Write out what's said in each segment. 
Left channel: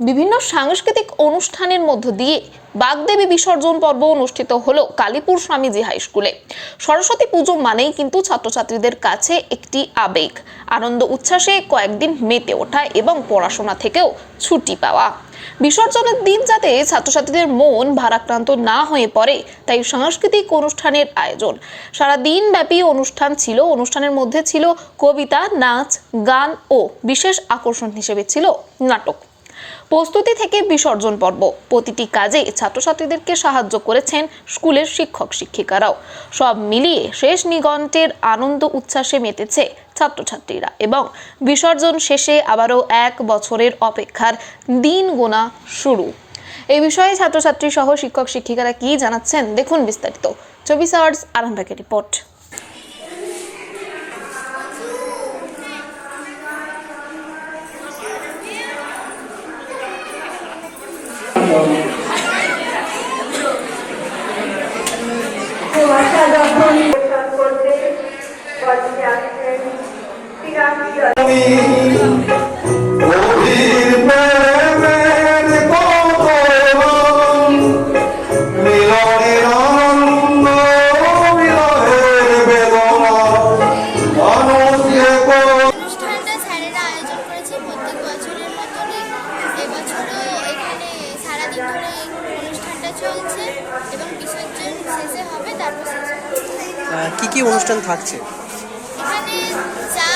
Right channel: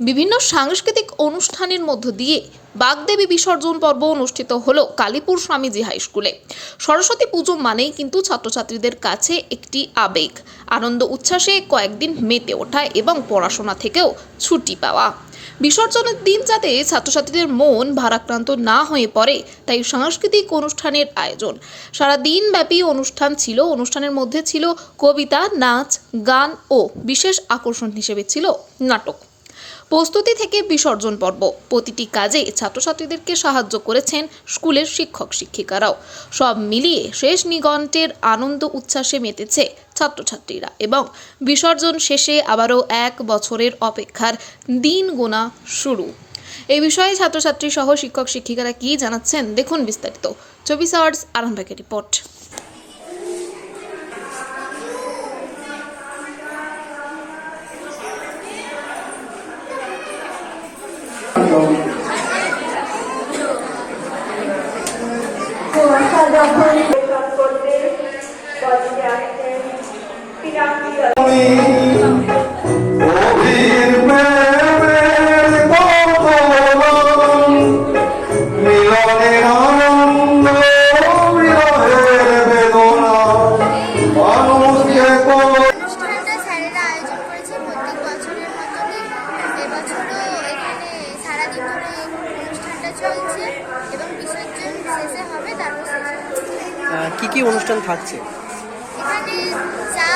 বিভিন্ন সাংস্কৃতিক অনুষ্ঠানের মধ্য দিয়ে বাগদেবী বিসর্জন পর্ব অনুষ্ঠিত হলো কালীপুর স্বামীজি হাই স্কুলে। সরস্বতী পুজো মানেই কিন্তু ছাত্রছাত্রীদের কাছে একটি আবেগ, আনন্দ উচ্ছ্বাসে কয়েকদিন মেতে ওঠা এবং পড়াশোনা থেকেও ছুটি পাওয়া। বিসর্জনের দিন যাতে ছাত্রছাত্রীদের মন ভারাক্রান্ত না হয়ে পড়ে তাই সাংস্কৃতিক অনুষ্ঠানের আয়োজন। সারা দিন ব্যাপী অনুষ্ঠান ছিল। অনুষ্ঠানের মধ্যে ছিল কবিতা, নাচ, গান ও বিশেষ আকর্ষণ হিসেবে ছিল নাটক। প্রস্তুতি থেকে বিসর্জন পর্ব, প্রতিটি কাজে ছাত্রছাত্রীদেরকে সাহায্য করেছেন স্কুলের শিক্ষক শিক্ষিকারাও। সব মিলিয়ে শেষ নিগন্টের আনন্দ উচ্ছ্বাসে মেতেছে ছাত্রছাত্রীরা এবং বিসর্জন শেষে আবারও 1 বছরের অপেক্ষার দিন গোনা শুরু। এই বিষয়ে ছাত্রছাত্রী সহ শিক্ষক শিক্ষিকারা কি জানাচ্ছেন দেখুন বিস্তারিত। 24 আওয়ার্স আরামবাগের রিপোর্ট। অনুষ্ঠানটা স্যারেরা আয়োজন করেছে প্রত্যেক বছরের মতনই। এবছরও এখানে সারাদিন ধরে অনুষ্ঠানটা চলছে এবং বিসর্জন শেষে হবে, তারপর শেষ হবে। কি কি অনুষ্ঠান থাকছে এখানে যা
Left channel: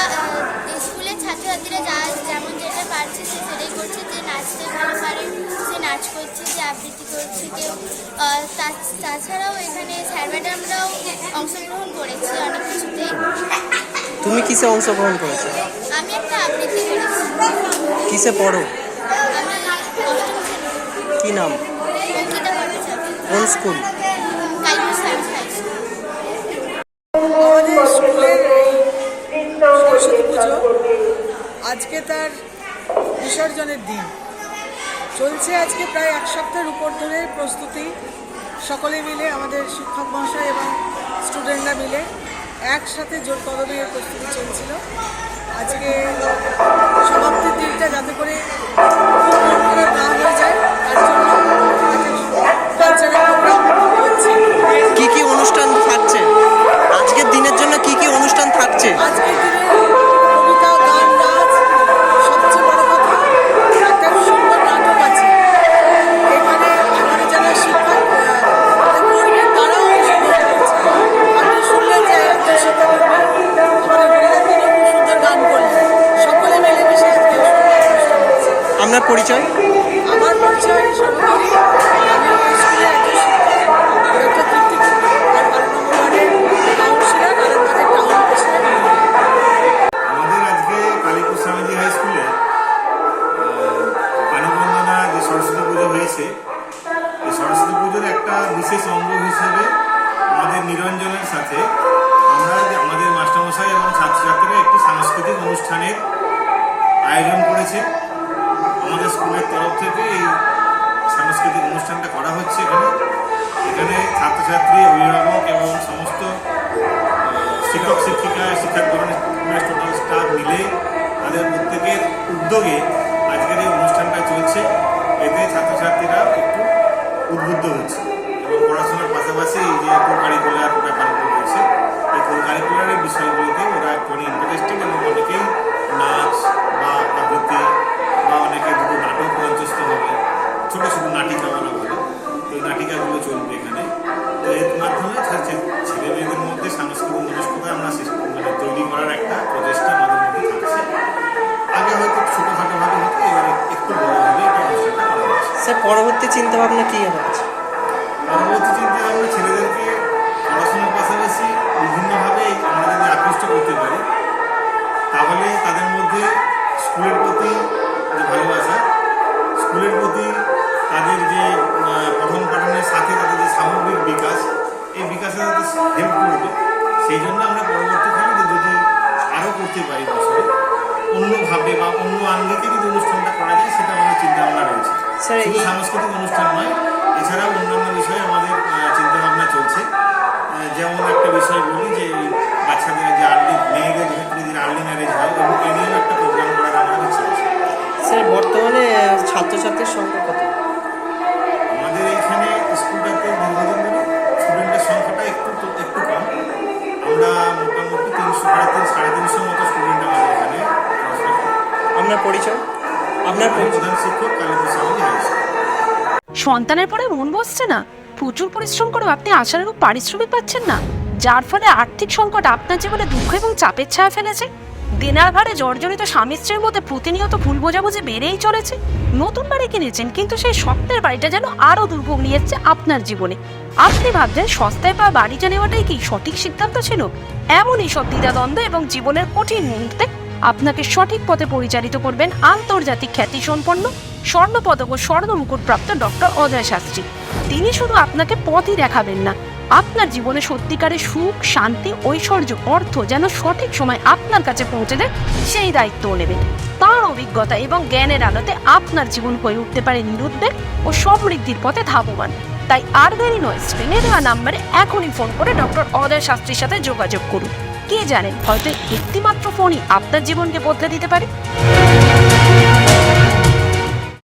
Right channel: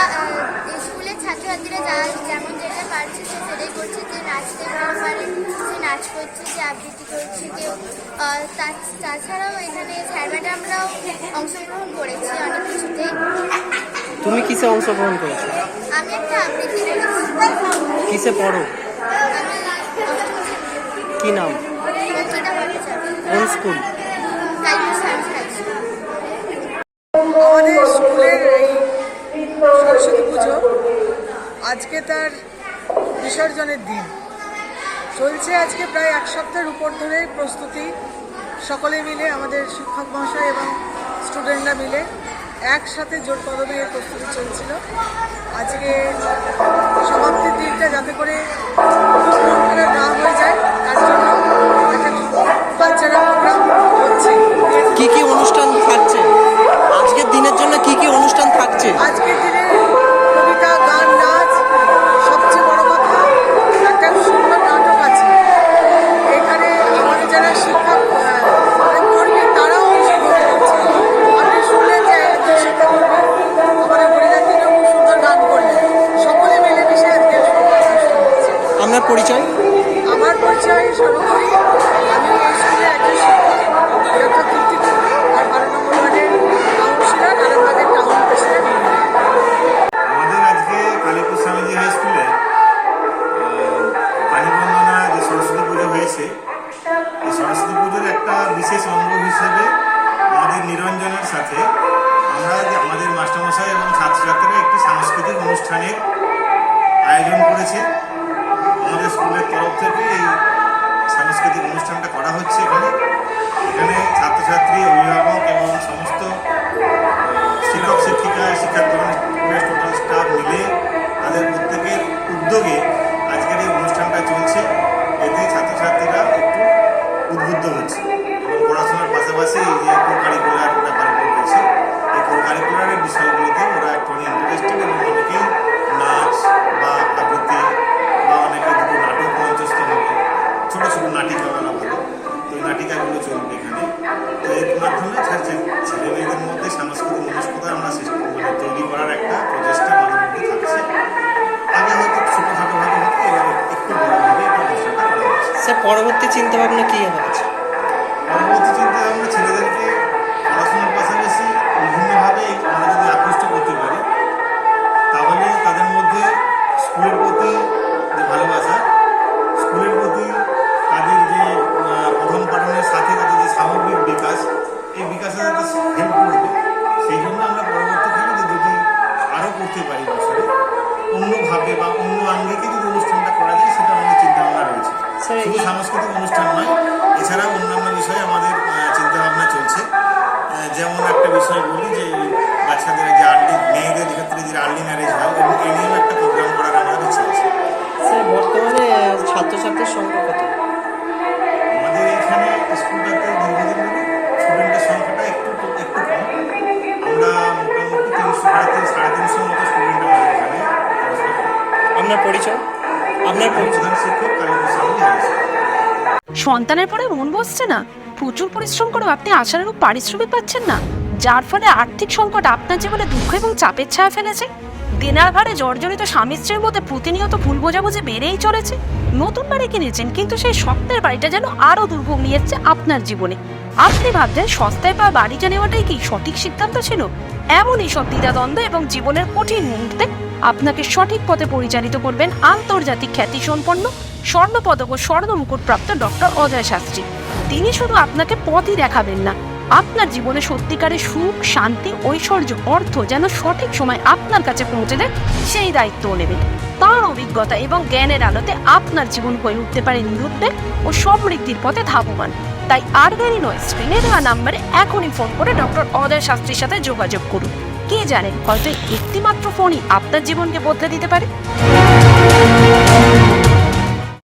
স্কুলের ছাত্রছাত্রীরা যা যেমন যেটা পারছে সে সেটাই করছে। যে নাচতে ভালো পারে সে নাচ করছে, যে আবৃত্তি করছে কেউ। তাছাড়াও এখানে স্যার ম্যাডামরাও অংশগ্রহণ করেছে অনেক কিছুতেই। তুমি কিসে অংশগ্রহণ করেছো? আমি একটা আবৃত্তি করেছি। কিসে পড়ো? আমি অষ্টম শ্রেণীতে। কি নাম? অঙ্কিতা ভট্টাচার্য। কোন school? Kalipur Swamiji high school. আমাদের স্কুলের এই সরস্বতী পুজো আজকে তার বিসর্জনের দিন চলছে। আজকে প্রায় 1 সপ্তাহের উপর ধরে প্রস্তুতি। সকলে মিলে আমাদের শিক্ষক মহাশয় এবং স্টুডেন্টরা মিলে একসাথে জোর কদমে এর প্রস্তুতি চলছিল। আজকে সমাপ্তির দিনটা যাতে করে খুব মন খারাপ না হয়ে যায় তার জন্য একটা কালচারাল প্রোগ্রাম হচ্ছে। কি কি অনুষ্ঠান থাকছে আজকের দিনের জন্য? কি কি অনুষ্ঠান থাকছে আজকের দিনে? কবিতা, গান, নাচ, সবচেয়ে বড় কথা একটা সুন্দর নাটক আছে। এখানে আমাদের যারা শিক্ষক কর্মী তারাও অংশগ্রহণ করছে। আপনি শুনলেন যে একজন শিক্ষাকর্মী আমাদের হরিদার দিনেও খুব সুন্দর গান করলেন। সকলে মিলেমিশে আজকে সুন্দর অনুষ্ঠান হচ্ছে। আপনার পরিচয়? আমার পরিচয় সর্বোপরি আমি এই স্কুলের একজন শিক্ষক, ডক্টর তৃপ্তি কুন্ডু, আর 12 নম্বর ওয়ার্ডের কাউন্সিলর, আরামবাগের টাউন প্রেসিডেন্ট। আমাদের আজকে কালীপুর স্বামীজি হাই স্কুলে পানিবন্দনা যে সরস্বতী পুজো হয়েছে, এই সরস্বতী পুজোর একটা বিশেষ অঙ্গ হিসেবে আমাদের নিরঞ্জনের সাথে আমরা যে আমাদের মাস্টারমশাই এবং ছাত্রছাত্রীরা একটি সাংস্কৃতিক অনুষ্ঠানের আয়োজন করেছে। আমাদের স্কুলের তরফ থেকে এই সাংস্কৃতিক অনুষ্ঠানটা করা হচ্ছে। এখানে ছাত্রছাত্রী, অভিভাবক এবং সমস্ত শিক্ষক শিক্ষিকা, শিক্ষাকর্মী, টোটাল স্টাফ মিলে তাদের প্রত্যেকের উদ্যোগে আজকের এই অনুষ্ঠানটা চলছে। এতে ছাত্রছাত্রীরা একটু উদ্বুদ্ধ হচ্ছে এবং পড়াশোনার পাশাপাশি এই যে কো কারিকুলার ব্যাপারগুলো রয়েছে, এই কো কারিকুলারের বিষয়গুলোতে ওরা একটু ইন্টারেস্টেড এবং অনেকেই নাচ বা আবৃত্তি বা অনেকে দুটো নাটক মঞ্চস্থ হবে, ছোটো ছোটো নাটিকা বলা ভালো। তো এই নাটিকাগুলো চলবে এখানে। তো এর মাধ্যমে ছেলে মেয়েদের মধ্যে সাংস্কৃতিক মনস্কতা আমরা তৈরি করার একটা প্রচেষ্টা আমাদের মধ্যে থাকছে। আগে হয়তো ছোটোখাটোভাবে হতো, এবারে একটু বড়োভাবে এটা অনুষ্ঠানটা করা হচ্ছে। স্যার, পরবর্তী চিন্তাভাবনা কী হবে? পরবর্তী চিন্তাভাবনা ছেলেদেরকে পড়াশোনার পাশাপাশি বিভিন্নভাবে আমরা যদি আকৃষ্ট করতে পারি তাহলে তাদের মধ্যে স্কুলের প্রতি যে ভালোবাসা, স্কুলের প্রতি তাদের যে পঠন পাঠনের সাথে তাদের যে সামগ্রিক বিকাশ, এই বিকাশে তাদের হেল্প করবে। সেই জন্য আমরা পরবর্তীকালে যদি আরও করতে পারি বছরে অন্যভাবে বা অন্য আঙ্গিকে যদি অনুষ্ঠানটা করা যায়, সেটা আমাদের চিন্তাভাবনা রয়েছে। শুধু সাংস্কৃতিক অনুষ্ঠান নয়, এছাড়াও অন্যান্য বিষয়ে আমাদের চিন্তাভাবনা চলছে। যেমন একটা বিষয় বলি যে বাচ্চাদের যে মেয়েদের ক্ষেত্রে যে আর্লি ম্যারেজ হয়, এবং এ নিয়েও একটা প্রোগ্রাম করার আমরা ইচ্ছা আছে। স্যার বর্তমানে ছাত্রছাত্রীর সংখ্যা কত? আমাদের এখানে স্কুলটাতে দীর্ঘদিন ধরে স্টুডেন্টের সংখ্যাটা একটু কম। আমরা মোটামুটি 300 মতো স্টুডেন্ট আমাদের এখানে পড়াশোনা করে। আপনার পরিচয়? আপনার আমি পরিচয়? প্রধান শিক্ষক কালীপুর স্বামীজি হাই স্কুল। সন্তানের পরে মন বসছে না, প্রচুর পরিশ্রম করেও আপনি আশানুরূপ পারিশ্রমিক পাচ্ছেন না, যার ফলে আর্থিক সংকট আপনার জীবনে দুঃখ এবং চাপের ছায়া ফেলেছে। দেনার ভারে জর্জরিত স্বামী স্ত্রীর মধ্যে প্রতিনিয়ত ভুল বোঝাবুঝি বেড়েই চলেছে। নতুন বাড়ি কিনেছেন, কিন্তু সেই স্বপ্নের বাড়িটা যেন আরও দুর্ভোগ নিয়ে এসছে আপনার জীবনে। আপনি ভাবছেন সস্তায় পাওয়া বাড়িটা নেওয়াটাই কি সঠিক সিদ্ধান্ত ছিল? এমনই সব দ্বিধাদ্বন্দ্ব এবং জীবনের কঠিন মুহূর্তে আপনাকে সঠিক পথে পরিচালিত করবেন আন্তর্জাতিক খ্যাতিসম্পন্ন স্বর্ণপদক ও স্বর্ণ মুকুটপ্রাপ্ত ডক্টর অজয় শাস্ত্রী। তিনি শুধু আপনাকে পথই দেখাবেন না, আপনার জীবনে সত্যিকারের সুখ, শান্তি, ঐশ্বর্য, অর্থ যেন সঠিক সময় আপনার কাছে পৌঁছে দেয় সেই দায়িত্বও নেবেন। তাঁর অভিজ্ঞতা এবং জ্ঞানের আলোতে আপনার জীবন হয়ে উঠতে পারে নিরুদ্বেগ ও সমৃদ্ধির পথে ধাবমান। তাই আর দেরি নয়, স্ক্রিনে দেওয়া নাম্বারে এখনই ফোন করে ডক্টর অজয় শাস্ত্রীর সাথে যোগাযোগ করুন। কে জানেন, হয়তো একটিমাত্র ফোনই আপনার জীবনকে বদলে দিতে পারে।